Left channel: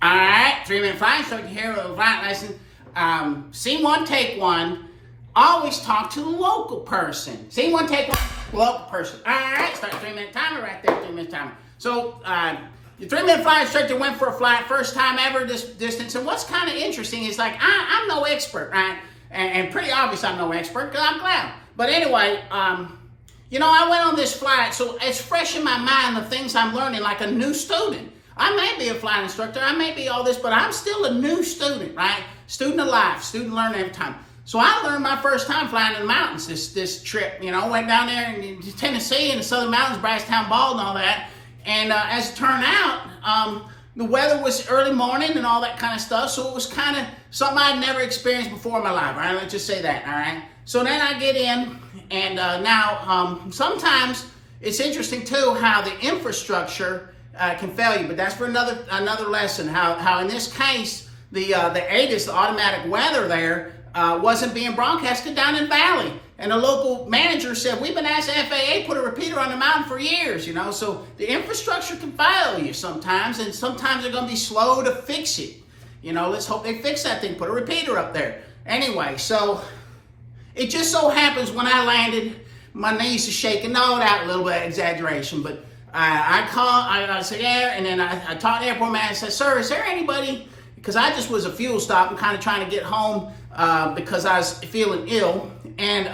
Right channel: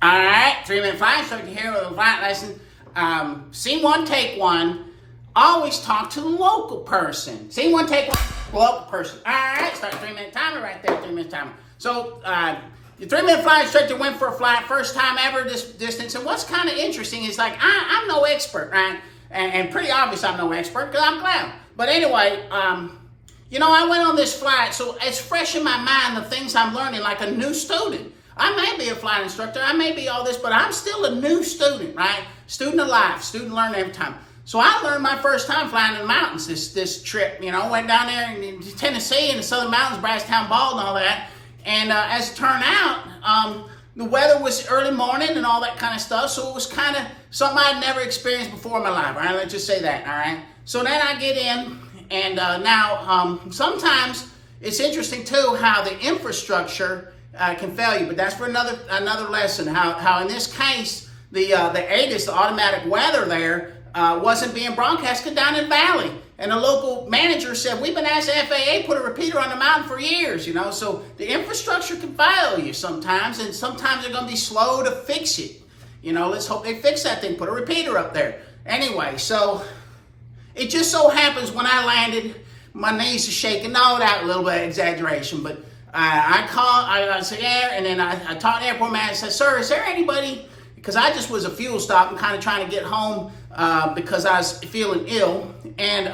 All right, 3-minute flight instructor here with a flight lesson. Scene one, take one. Always talk to the local person. Scene one, take one, local person. All right, start 3-minute timer right there, 3-minute timer. So, your 3-minute flight instructor went for a flight, first time ever this distance. And what's kind of interesting is like, I'm no expert, right? And pretty obvious I'm no expert because I'm ground. But anyway, you know, I went on this flight, so it's fresh in my mind the things I'm learning like a new student. I may be a flight instructor, I may be all this, but I'm still a new student, right? Student of life, student learning every time. So I learned my first time flying in the mountains this trip. You know, went down there in Tennessee in the Southern Mountains, Brasstown Bald and all that. And as it turned out, the weather was early morning and all that kind of stuff. So it was kind of something I'd never experienced before in my life, all right? Let's just say that, all right? So then I get in, and now sometimes it's interesting too how the infrastructure can fail you, but that's for another lesson. How in this case the ATIS, the automatic weather there, wasn't being broadcasted down in Valley, and the local manager said we've been asking FAA put a repeater on the mountain for years. You know, so the infrastructure can fail you sometimes, and sometimes they're going to be slow to fix it. You know, let's hope they fix that thing. Put a repeater up there. Anyway, so it just so happens when I landed, my knees are shaking. No, that a little bit of exaggeration, but. I said, yeah, and then I talked to the airport manager and said, sir, is there anybody, because I just was a fuel stop and kind of trying to get home because I was feeling ill. And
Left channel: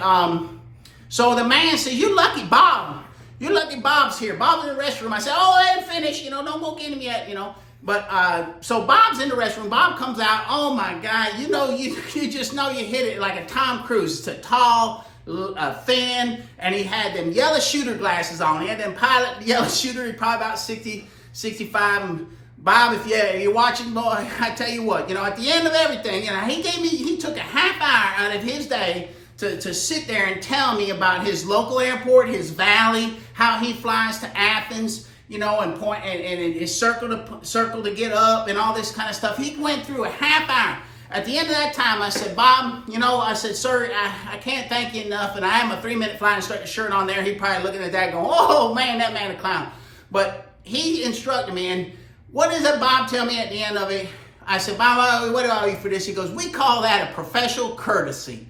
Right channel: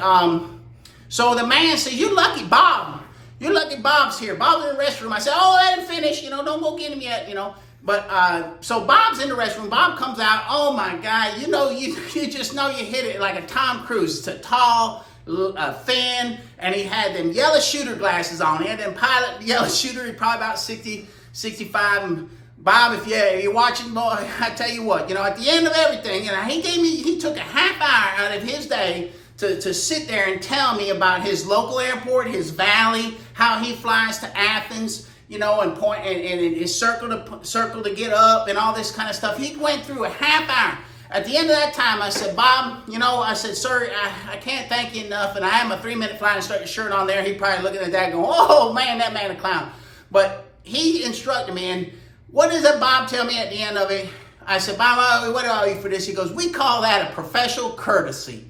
so the man said, you lucky Bob. You're lucky Bob's here. Bob's in the restroom. I said, oh, I didn't finish. You know, don't go get him yet, you know. But so Bob's in the restroom. Bob comes out. Oh, my God. You know, you just know you hit it like a Tom Cruise. It's a tall, thin, and he had them yellow shooter glasses on. He had them pilot yellow shooter. He probably about 60, 65. And Bob, if you're watching, boy, I tell you what, you know, at the end of everything, you know, he took a half hour out of his day to sit there and tell me about his local airport, his valley, how he flies to Athens, you know, and his circle to get up and all this kind of stuff. He went through a half hour. At the end of that time, I said, Bob, you know, I said, sir, I can't thank you enough. And I have my 3-minute flight instructor shirt on there. He probably looking at that going, oh, man, that man a clown. But he instructed me. And what does that Bob tell me at the end of it? I said, Bob, what do I owe you for this? He goes, we call that a professional courtesy.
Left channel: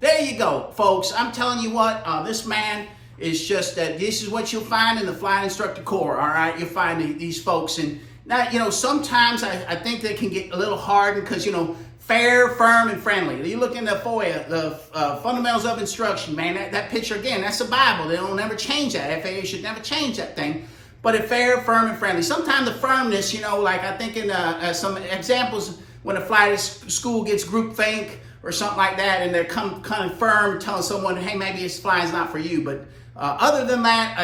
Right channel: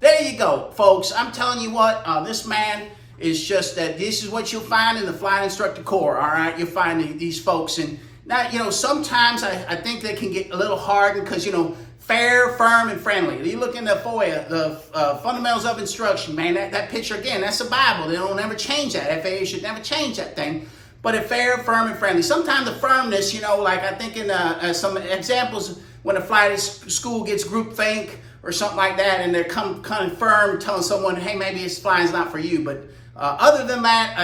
There you go, folks. I'm telling you what, this man is just that this is what you'll find in the flight instructor corps, all right? You'll find these folks. And now, you know, sometimes I think they can get a little hardened because, you know, fair, firm, and friendly. You look in the FOIA, the Fundamentals of Instruction, man, that picture, again, that's the Bible. They don't ever change that. FAA should never change that thing. But it's fair, firm, and friendly. Sometimes the firmness, you know, like I think in some examples when a flight school gets groupthink or something like that, and they're kind of firm, telling someone, hey, maybe this flying's not for you. But other than that,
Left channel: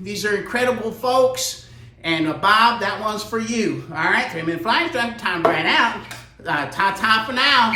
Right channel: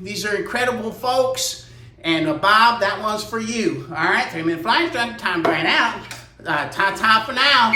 these are incredible folks. And Bob, that one's for you. All right, 3-minute flight instructor, time ran out. Ta-ta for now.